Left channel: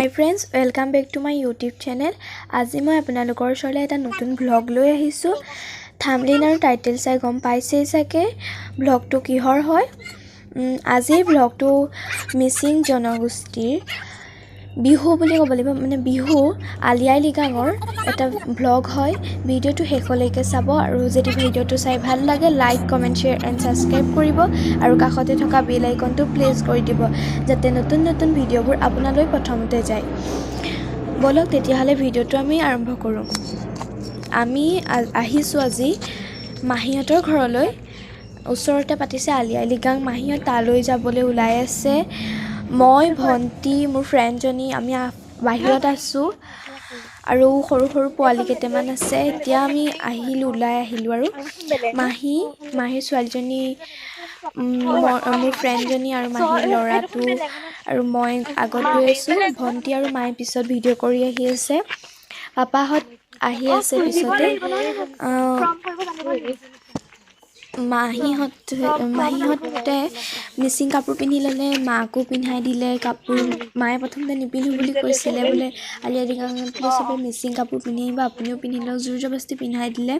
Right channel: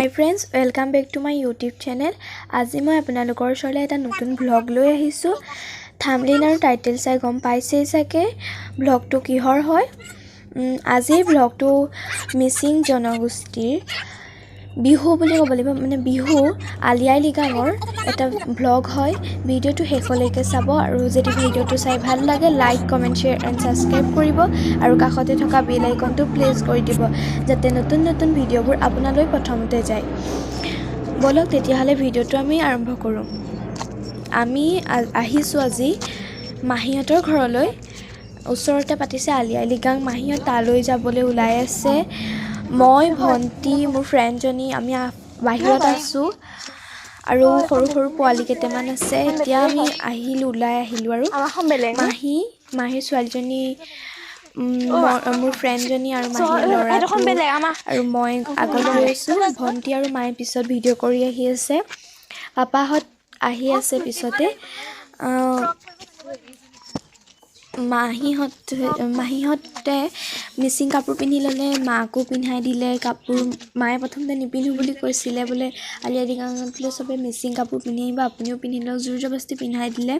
Hi friends, welcome back to my YouTube channel. আজি মই আপোনালোকৰ ওচৰলৈ এটা নতুন vlog লৈ আহিছো. থাম্বনেইল আৰু টাইটেল চাই গম পাইছেই চাগে vlogটো কিহৰ হয়. আজিৰ vlogটো মিচিং জনগোষ্ঠীৰ বিহু বুলি ক'ব লাগিব, মানে বিহু আলি আই লৃগাঙৰ এটা vlog হয়. ভিডিওটো শেষলৈকে চাব আৰু যদি ভিডিওটো চাই ভাল লাগে like, comment, share and subscribe কৰিব আৰু কাষতে থকা বেল আইকনটো প্ৰেছ কৰি দিব যাতে নতুন নতুন ভিডিওবোৰ আপোনালৈ প্ৰথমতে যায়. বলক তেতিয়াহ'লে ভিডিওটো আমি আৰম্ভ কৰোঁ. আমি আহিছো আজি মাহীহঁতৰ ঘৰলৈ. ওচৰতে পাতিছে আলি আই লৃগাং. মাহীহঁত তালৈ যাবলৈ ওলাই আছে. মই ভণ্টি মোৰ ফ্ৰেণ্ডজনী আমি বাহিৰত আছো আৰু সৰু সৰু পোৱালি কেইটামান আছে. এতিয়া আমি ওলাই আহিলো আৰু মাহীৰ ছোৱালীজনী, মোৰ ফ্ৰেণ্ডজনী আৰু মাহীৰ ল'ৰাটো আৰু মই আগত গৈ আছো. ভণ্টি আৰু মায়ে পিছত ভিডিঅ' কৰি আহি আছে. পাপাহঁত আহি আছে পিছতে. মাহীহঁতে মিচিং কাপোৰ পিন্ধি ল'লে, মাকো পিন্ধাই দিলে কাপোৰ. মায়ে প্ৰথমতে নিপিন্ধো বুলি কৈছিলে, বোলে আলি আই লৃগাঙত বোলে চবে মিচিং কাপোৰ পিন্ধি আহিব, আপুনিও পিন্ধি লওক, জোৰ জবস্তি পিন্ধাই দিলে.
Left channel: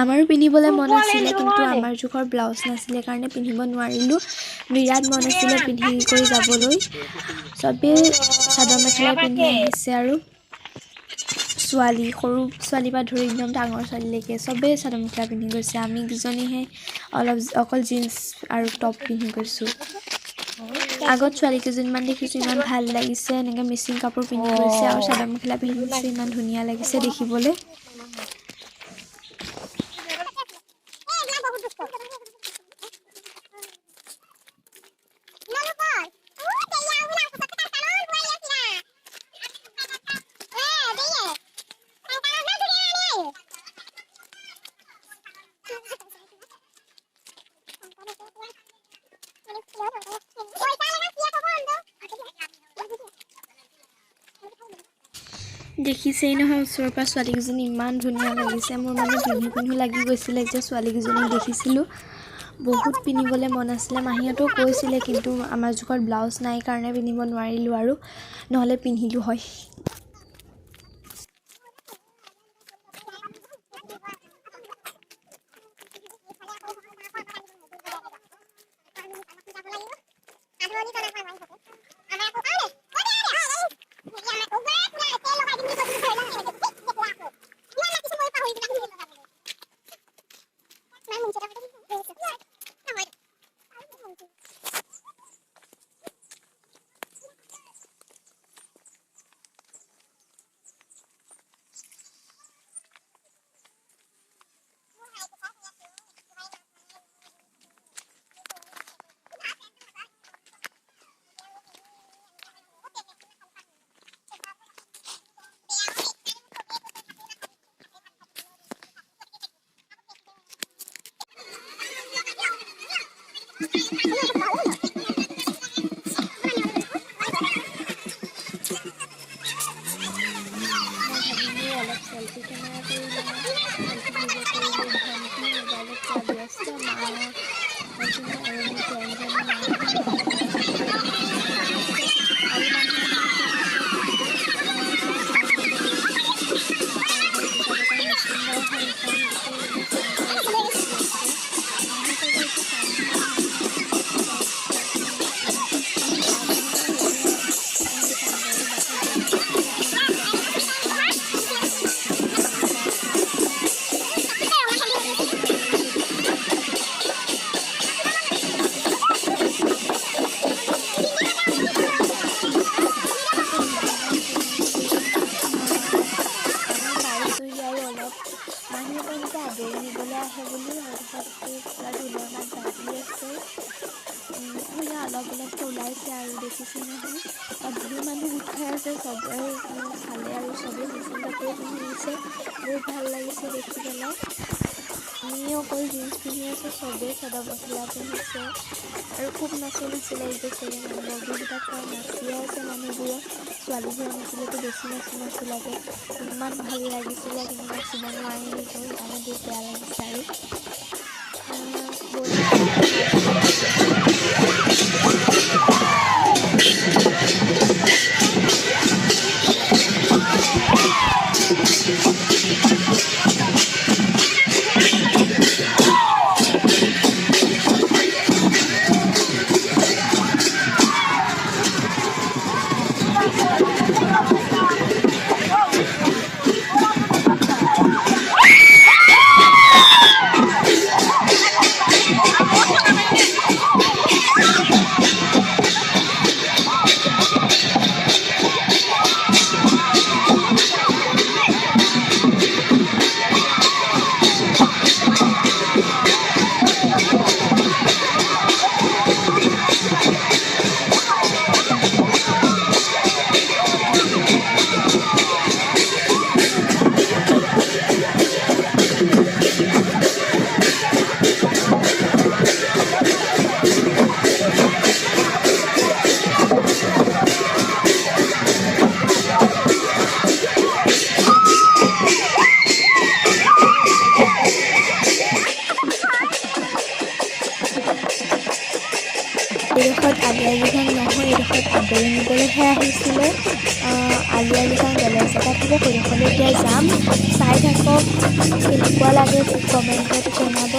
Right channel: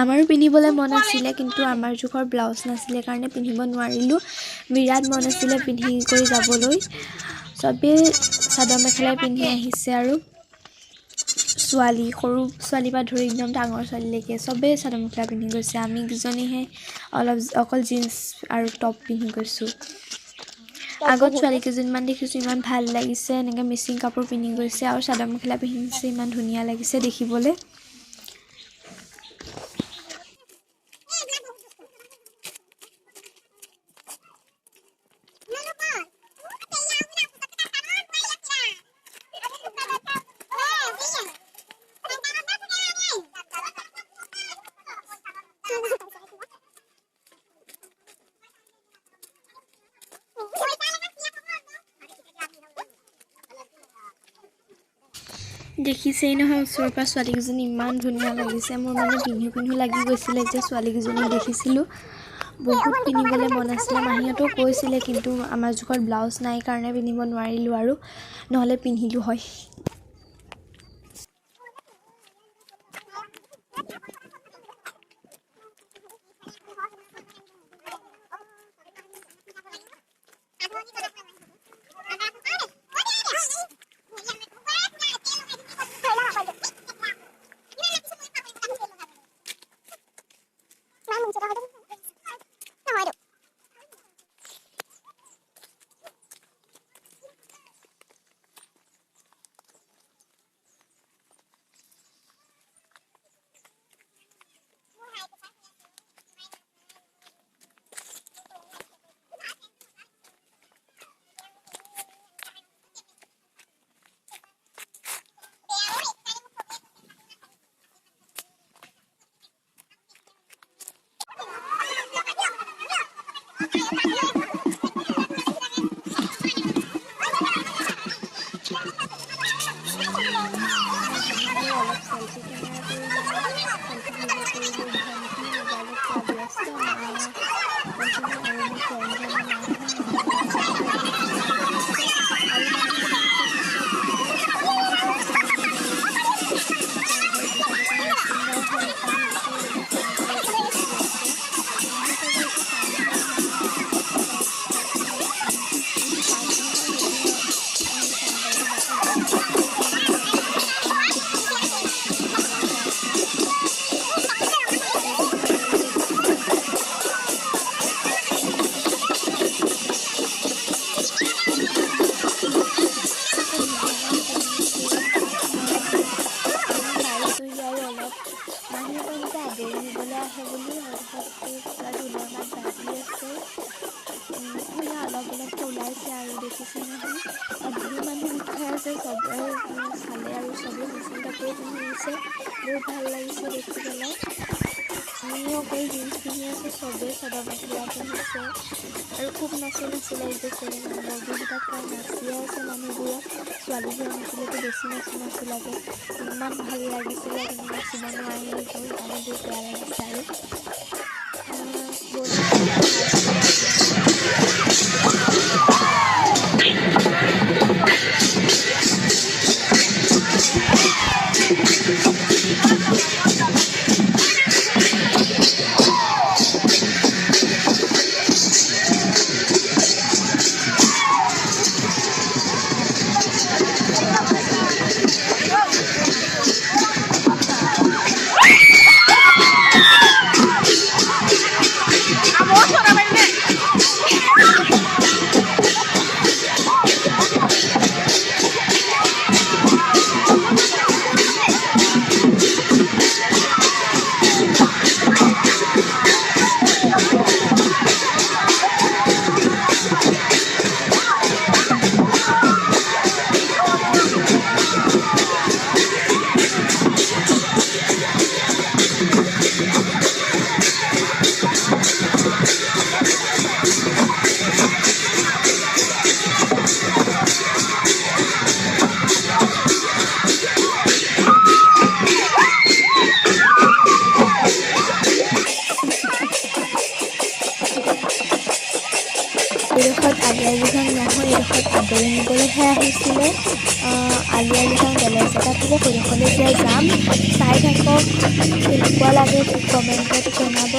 আমাৰো পিন্ধিবলৈ মন আছিলে কিন্তু আমাৰ জোখৰ ব্লাউজ নাছিলে কাৰণে পিন্ধিব নোৱাৰিলোঁ. বিৰাট মন আছিলে পিন্ধি কৰি যাবলৈ. চবেই চাদৰ মেখেলাই পিন্ধি আহিছে আৰু ছোৱালী, সৰু ছোৱালীৰ পৰা ধৰি একদম ডাঙৰ ছোৱালীলৈকে চবেই চাদৰ মেখেলা পিন্ধি গৈছে. আমি দুজনীহে অকল জিন্স আৰু টপ পিন্ধি গৈছোঁ. আগত ছোৱালী কেইজনীমান দেখিছোঁ, ইমান ভাল লাগিছে, এনেকৈ মিচিং কাপোৰ পিন্ধি গৈছে আৰু চাদৰ মেখেলা পিন্ধিছে, ইমান ধুনীয়া লাগিছে দেখিবলৈ. দেখিছেই নহয় ওচৰৰ পৰা ছোৱালীকেইজনী ইমান ধুনীয়া লাগিছে. মোৰ মানে পিন্ধো লাগি গৈছিলে যে ছোৱালীকেইজনীক দেখিছিলোঁ. বহুত পিন্ধিবলৈ মন আছিলে. মাহীহঁতেও কৈছিলে কিন্তু আমাৰ জোখত ব্লাউজ নাই কাৰণে পিন্ধিব নোৱাৰিলোঁ আৰু নহ'লে পিন্ধিলোঁ হয়. অলপ চেল্ফি কেমেৰা কৰি লওঁ, চেল্ফি ভিডিঅ' কৰিলোঁ. ভণ্টি মোবাইলত পুৰা ব্যস্ত, মাজনী আৰু মোৰ ফ্ৰেণ্ডজনী মাহী ল'ৰাজনী সিহঁতে পিছত আহিছে আৰু মাহীহঁত আহিছে পিছত. চব চাই মেলি ঘৰলৈ যাব কাৰণে মিচিং গাঁও হয় এখন, গোটেই চাই মেলি বহি আছে. মাহীহঁতৰ ঘৰটো চাই নহয়, মাহীহঁতৰ ঘৰটো মানে বিহু আগদিনা আৰু সেইদিনা তাহাঁতি চাংঘৰটো বাটত বহি আছে. ভণ্টি লগতে আমাৰ মাহী ল'ৰা আছে. বহুত ভাল লাগিছে দেখি পেলাই. আমি পাইছোঁহি আৰু অলপ মাহীহঁতে এনেকৈ আদৰি নিবলৈ আহে বুলি তাৰপিছত পুৰা ঢোলৰ মাত বাজি আছে. ভূঞা অলপ ওলাইছে আৰু দেখিছে নহয়, তাত ধেৰ মানুহ গোট খাই আছে. চবৰে চালে আৰু চবেই মিচিং কাপোৰে পিন্ধি আহিছে. বহুত ভাল লাগিছে দেখি পেলাই. আমি অকল জিন্স পিন্ধি আছোঁ, চবেই চাদৰ মেখেলা পিন্ধিছে আৰু খুব নাচি লাগিছে চাগে মানুহবোৰক. বিহুতাত কাৰণ নাচিয়ে আছে মানুহবোৰক, ছোৱালীবোৰে নাচিলেতো বেছি নাচি লাগে. ইমান ভাল লাগিছিলে কিন্তু নাচিব নোৱাৰিলোঁ, সেইকাৰণে বহুত বেয়া লাগিছে আৰু ব'লক চাই পেলাই আপোনালোকে। এইডোখৰত আলি আই লৃগাং নহয়, এইডোখৰত আদৰি নিবলৈহে আহিছিলে। আলি আই লৃগাং বেলেগ জেগাত হ'ব, সেইডোখৰলৈ এতিয়া যাম। চাই থাকক, কেনেকুৱা লাগে কমেণ্টত জনাব।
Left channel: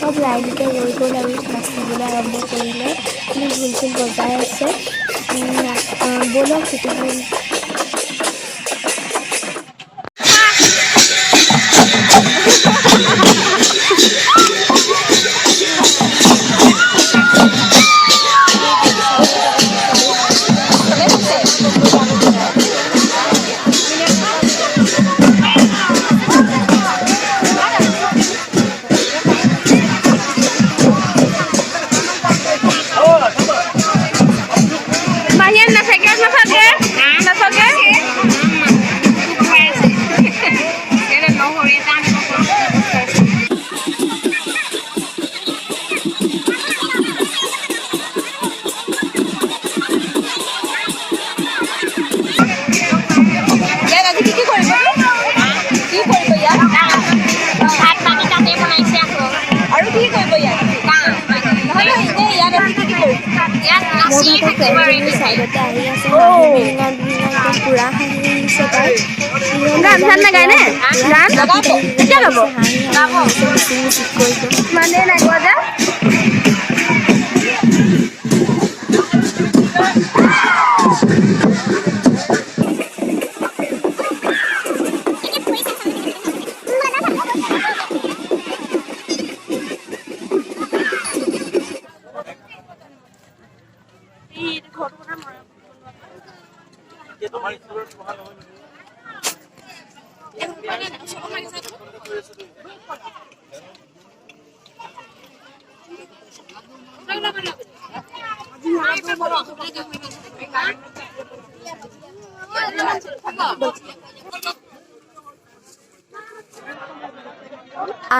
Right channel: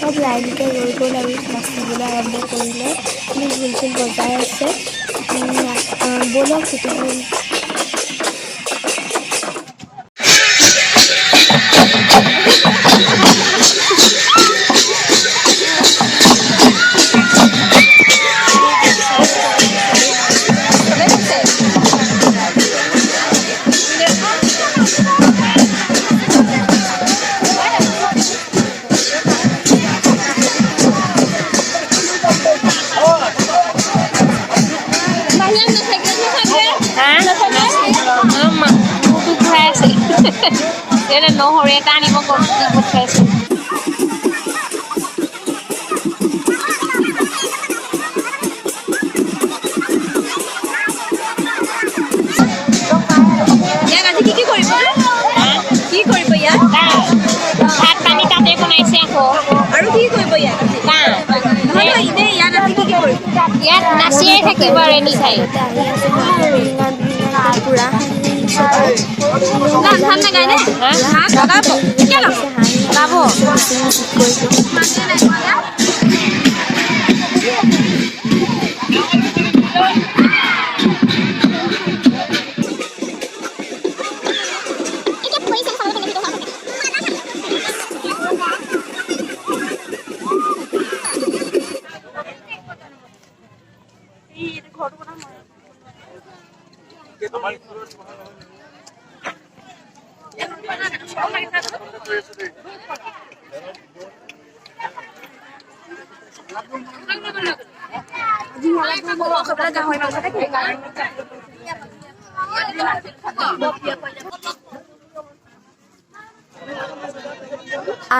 চব লাইনকৈ ৰৈ গ'ল আৰু নাচিবলৈ আৰম্ভ কৰিলে, মানে ঢোল চোল বজাই আছে। ব'লক তেতিয়াহ'লে চাইডতে আহি আছে হাঁহি বিৰিঙা একদম পুৰা হাঁহি আহিছে তাই।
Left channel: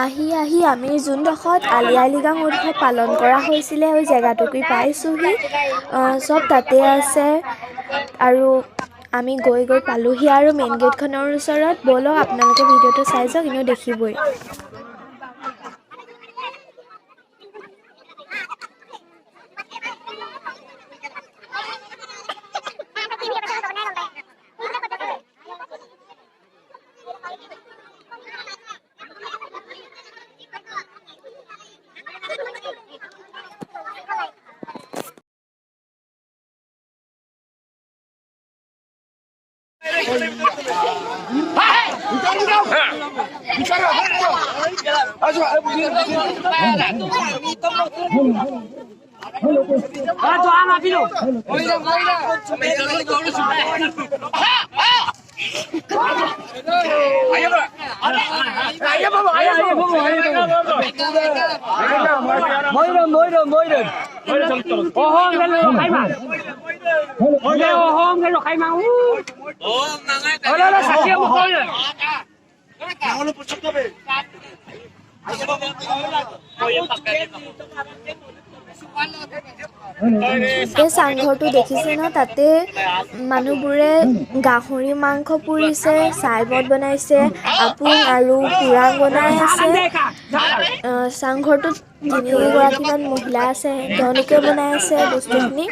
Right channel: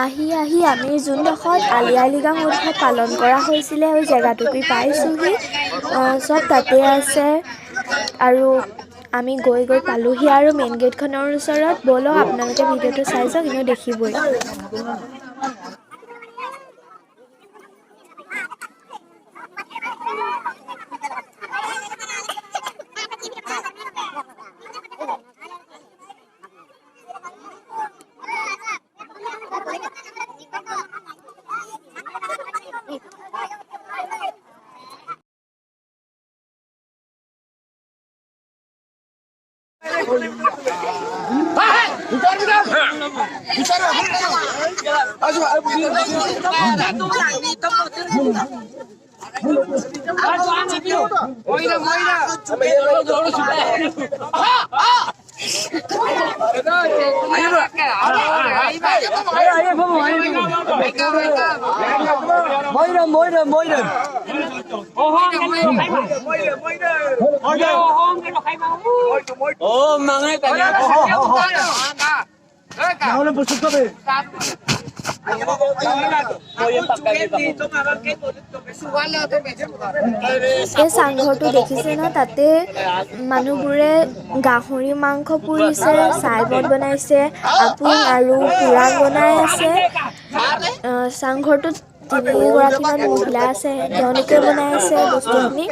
আহি আমি যোনডোখৰত আলি আই লৃগাং উৎসৱ পালন কৰা হৈছিলে আৰু জেগাটুকুৰি পাইছোঁহি। চব তাতে আছে আৰু আমি গৈ পালোহি আৰু মেইন গেটখনৰ ওচৰত। ব'লক আপোনালোকে ভিডিঅ'টো চাই যাওক, এনেও দেখিবই। এই চাংঘৰটো দেখিছে ন, তাতে মানুহবোৰে গাহৰি মাংস পুৰিছে, চাইবত বনাইছে, আপুং আৰু পুৰাং বনাই আছে। চাংঘৰটোত 3গৰাকীমান মহিলা আছে, তেওঁলোকে বনাই আছে বস্তুখিনি।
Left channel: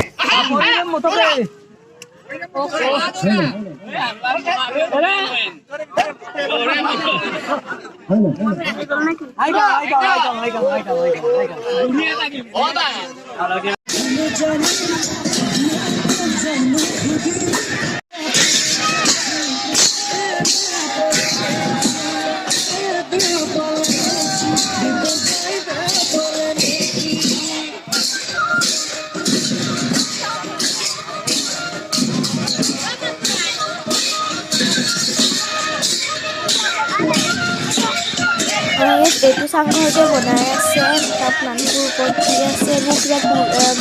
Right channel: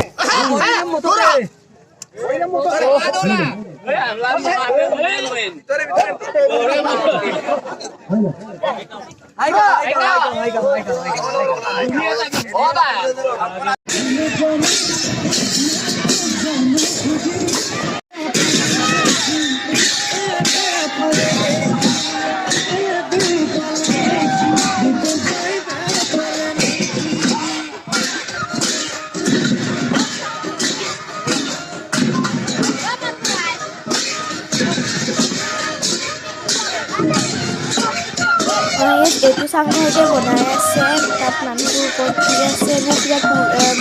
এইটো চাংঘৰতে বনাই আছে, তাত মানুহবোৰ ওপৰত উঠি আছে, এইবোৰ কিবা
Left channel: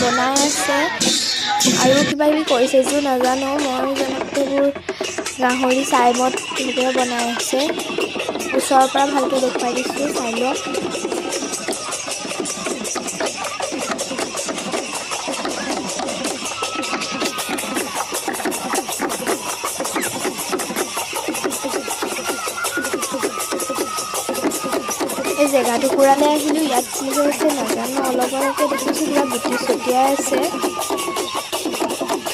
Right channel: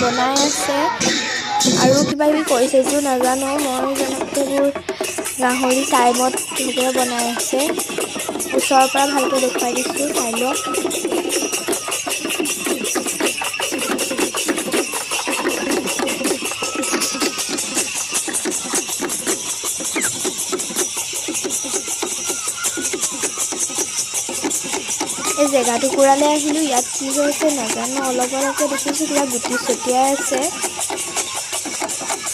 বনাই আছে আৰু কিবা কিবি কৰিছে যদিও নাজানো। মই জনাত এইবোৰ গাহৰি চাইমদ সেইদৰে বনাই আছে। ওচৰৰ পৰা ভালকৈ দেখুৱাই দিছোঁ, চাই লওক। জেগা টুকুৰালৈ আহিলোঁ। ইয়াত কি হৈছে নাজানো, অলপ অলপকৈ দেখিছোঁ পুৰা গুটি ছটিয়াই আছে।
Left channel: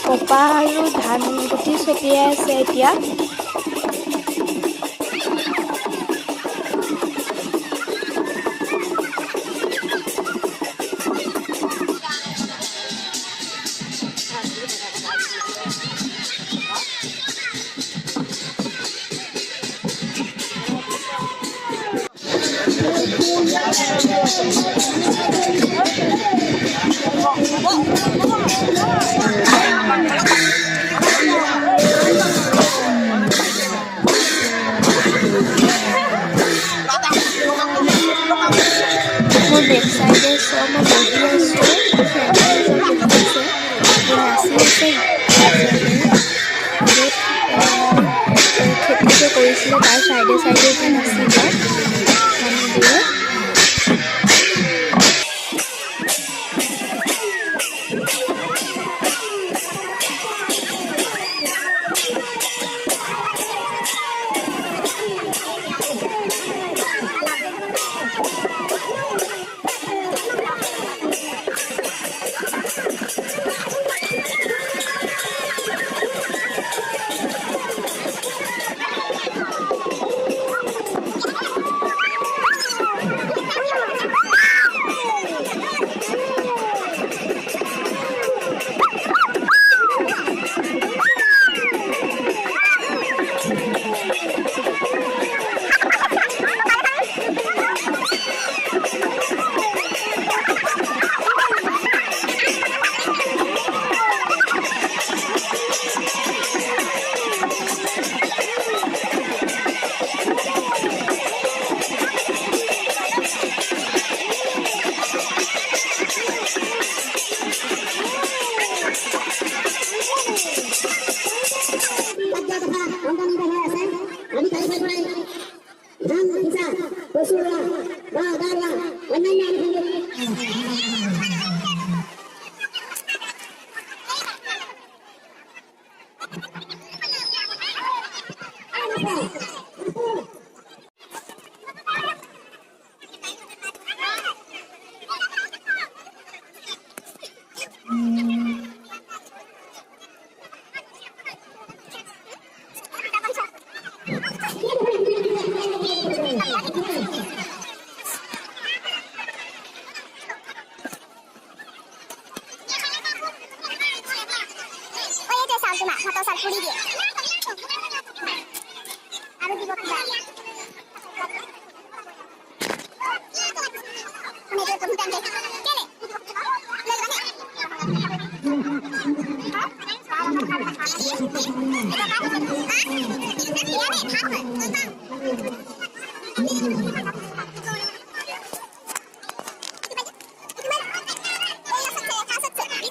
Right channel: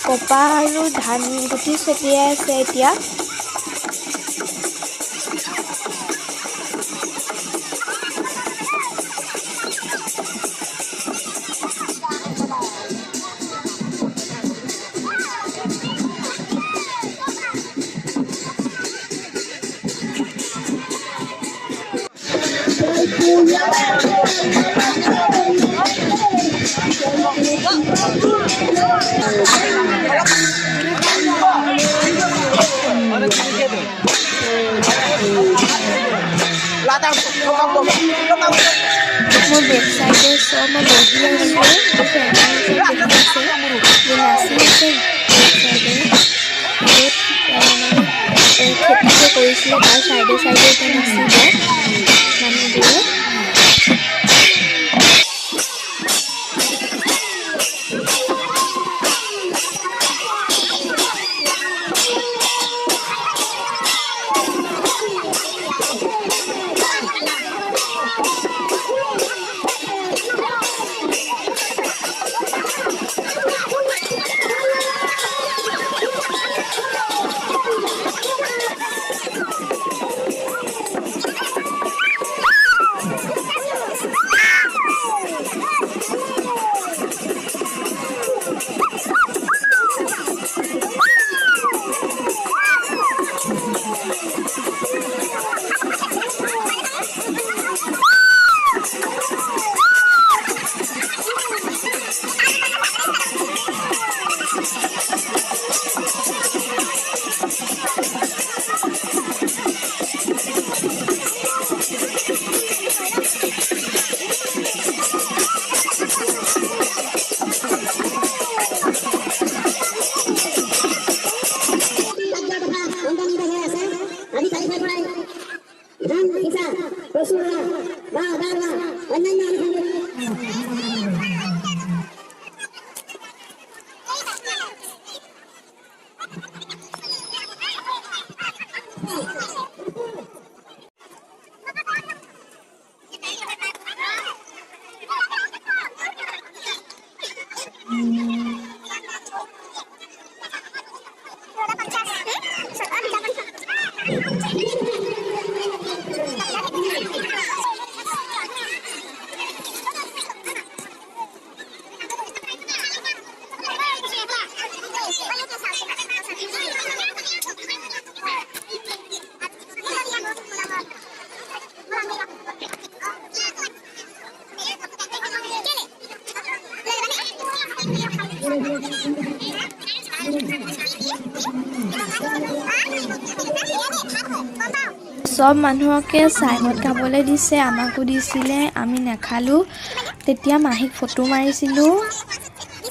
কপাহ আৰু ধান গুটি ছটিয়াই আছে এতিয়া। মোৰ বেক চাইডে চব মই বহি আছোঁ, ফ্ৰেণ্ডখিনি চব দেখি আছে, মোৰ নাচি আছে। বহুত খেতি যে কৰিছিলে তাৰ চাইডে চাইডে এতিয়া নাচিব মানুহবোৰে। সব মানুহকে চাইমত খাবলৈ দিছে, আমাকো দিছিলে, আমি নাখালোঁ। তেতিয়া মাহীক ফটো মাৰিছিলোঁ।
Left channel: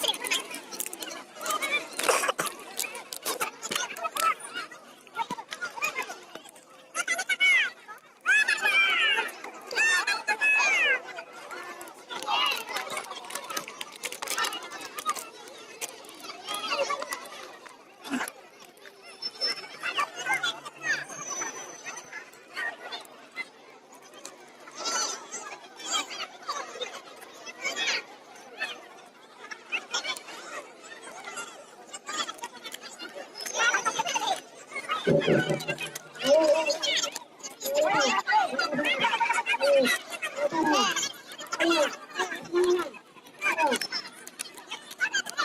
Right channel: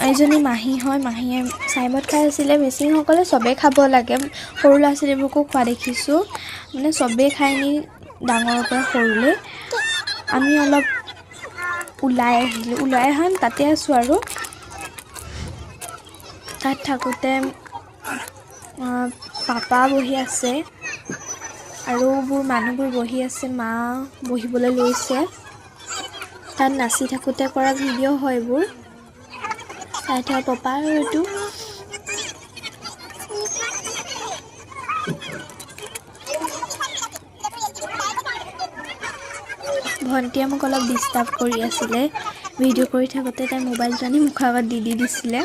এইজনী মাহী হয়, মাহীয়ে চাইমত খাই আছিলে। মিচিংসকলে চবেই খাব লাগে, সৰু ল'ৰা ছোৱালীবোৰকো খোৱা দেখিছোঁ, মানে চবেই খাই নি ডাঙৰৰ পৰা সৰুলৈ। আমি অলপ ওলাই আহিলোঁ, ওলাই আহান তাতে আছোঁ আৰু। তাত থাকোঁতে পাপা বহি আছে আৰু মানুহবোৰ বহি আছে, মা বহিবলৈ লৈছে। তাত নাচি থাকোঁতে কৰা ভিডিঅ' হয় এইবোৰ। চাই থোৱা পাপা আৰু এইটো ভণ্টিয়ে মোক অলপ ডিষ্টাৰ্ব কৰি আছিলে। ভিডিঅ' কৰি থাকোঁতে তাই মোবাইলটো আনি মুখৰ আগত দি দিছিলে।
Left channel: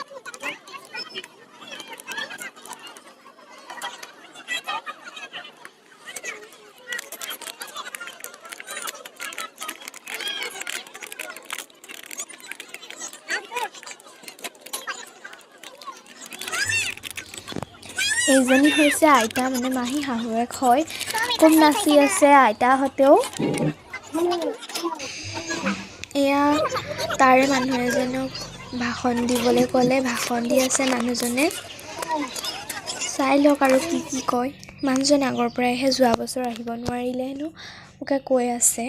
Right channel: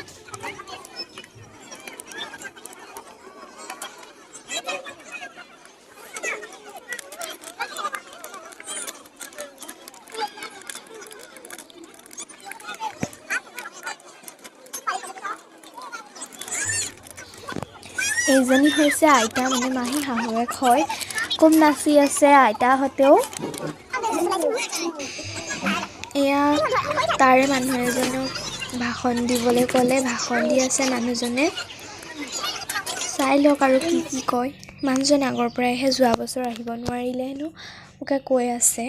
এইজনী হৈছে আইতা, মানে মাহী শাহুৱেক হয়। খুব নাচি আছে আইতাহঁতেও। এয়া তাৰে মানুহ এজনক ভাষণ দিবলৈ ক'লে, ভাষণ দি আছে মানুহজনে। চাই লওক আৰু কি কয়। মানুহজন আগৰ পৰাইহে যোৱা বছৰ আহিব নোৱাৰিলে হেনো, মোকে কৈ আছে।